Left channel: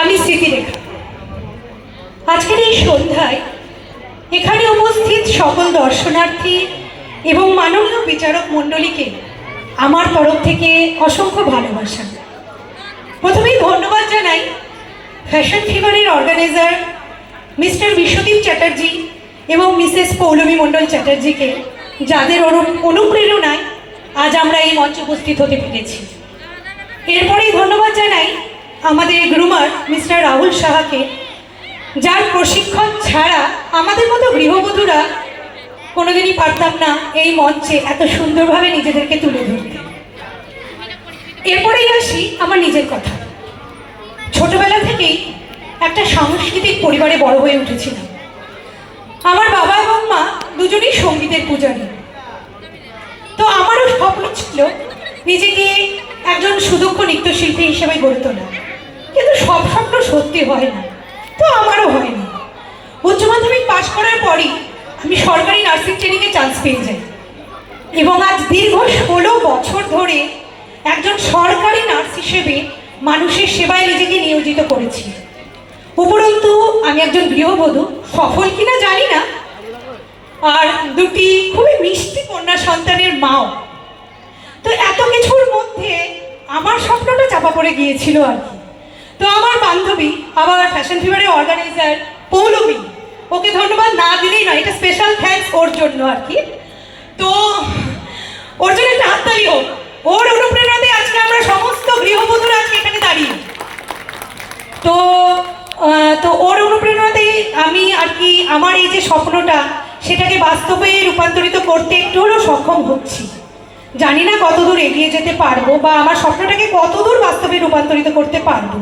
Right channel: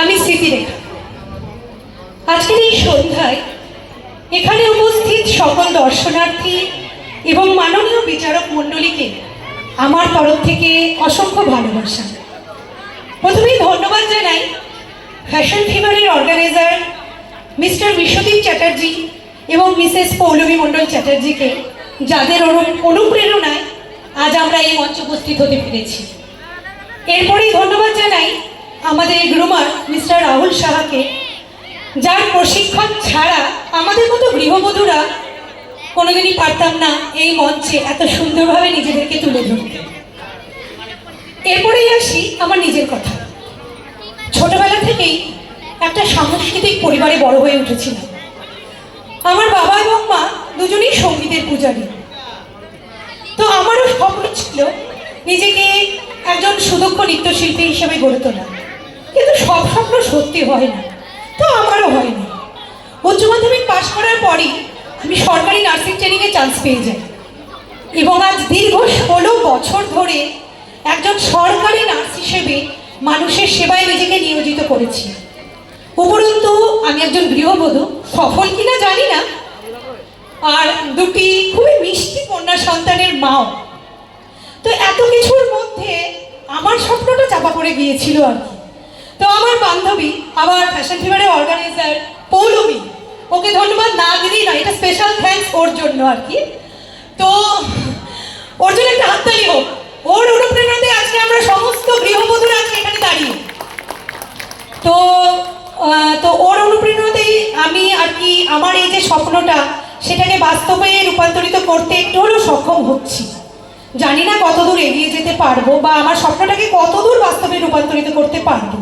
আমি স্মৃতিরেখা। আজকের এই সন্ধ্যায় এখানে উপস্থিত সকল দর্শনার্থী এবং মাননীয় বিচারক মণ্ডলীকে আমার তরফ থেকে অসংখ্য ভালোবাসা। প্রথমেই ধন্যবাদ জানাই ফ্যাশন ফিভারের অর্গানাইজার মিস্টার বিশ্বদীপ চ্যাটার্জি এবং মিসেস পৌলমী মণ্ডল চ্যাটার্জিকে, যাদের অনুপ্রেরণায় আজ আমরা এই মঞ্চে উপস্থিত হতে পেরেছি। এরপরেই ধন্যবাদ জানাই আমাদের গ্রুমার মিস্টার রাহুল সাহাকে, যার প্রশিক্ষণ ছাড়া আমাদের মতো গৃহবধূরা কোনোদিনই পারতাম না এই মঞ্চে এত সুন্দরভাবে নিজেদেরকে তুলে ধরতে। এরপরেই আসি আমার নিজের কথা। ছোটবেলা থেকেই একটা সাংস্কৃতিক পরিবারে বড় হয়ে উঠেছিলাম। আমার বাবা এবং মা দুজনেই সঙ্গীতের পূজারী। তো আমারও স্বপ্ন ছিল নিজেকে একজন সুদক্ষ নৃত্যশিল্পী হিসেবে গড়ে তোলা, কিন্তু সব স্বপ্ন সত্যি হয় না, তো আমারও হয়নি। উচ্চ মাধ্যমিক পাশ করার পরই আমি সরকারি নার্সিং ট্রেনিংয়ে চান্স পেয়ে যাই এবং আজ দীর্ঘ 16 বছর ধরে একজন সরকারি নার্স হিসেবে মানুষের সেবায় নিজেকে নিয়োজিত করেছি। উপরন্তু আমি একজন গৃহবধূ, সফল কিনা জানি না, আর দুটি খুবই মিষ্টি কন্যা সন্তানের মাও। তো এত কিছুর মধ্যে আমার স্বপ্নটা চাপা পড়ে গিয়েছিল আর কি। তো আমার বান্ধবী, আমার ফ্যাশন ফিভারের অর্গানাইজার পৌলমী, ওকে ধন্যবাদ না দিলেই নয়, এটা স্পেশাল থ্যাঙ্কস ওর জন্য আর কি। তো ওর জন্য একটা হাততালি হোক। ওর অনুপ্রেরণাতে আজকে আমরা সমস্ত গৃহবধূরা আজকে এখানে দাঁড়িয়ে। তো ওর অনুপ্রেরণাতেই আমি আর কি আমার এই যে স্বপ্নটা, সেটাকে বাস্তবে রূপান্তরিত করতে একটু হলেও সক্ষম হচ্ছি। জানি না কতদূর এগিয়ে যেতে পারবো বা আমার স্বপ্নটাকে কতদূর বাস্তবে রূপান্তরিত করতে পারবো,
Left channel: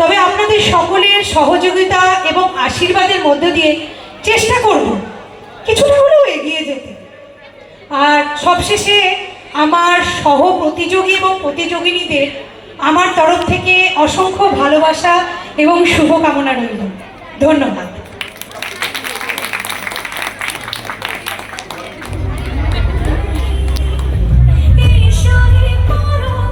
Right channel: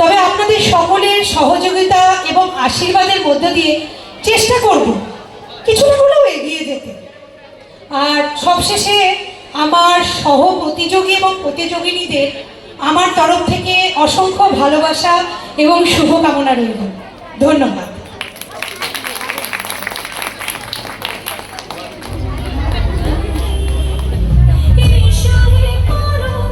তবে আপনাদের সকলের সহযোগিতা এবং আশীর্বাদের মধ্য দিয়ে চেষ্টা করব কিছুটা হলেও এগিয়ে যেতে। আর সবশেষে আমার সহ প্রতিযোগী এবং প্রতিযোগিনীদের আমার তরফ থেকে অসংখ্য ভালোবাসা এবং শুভকামনা রইল। ধন্যবাদ।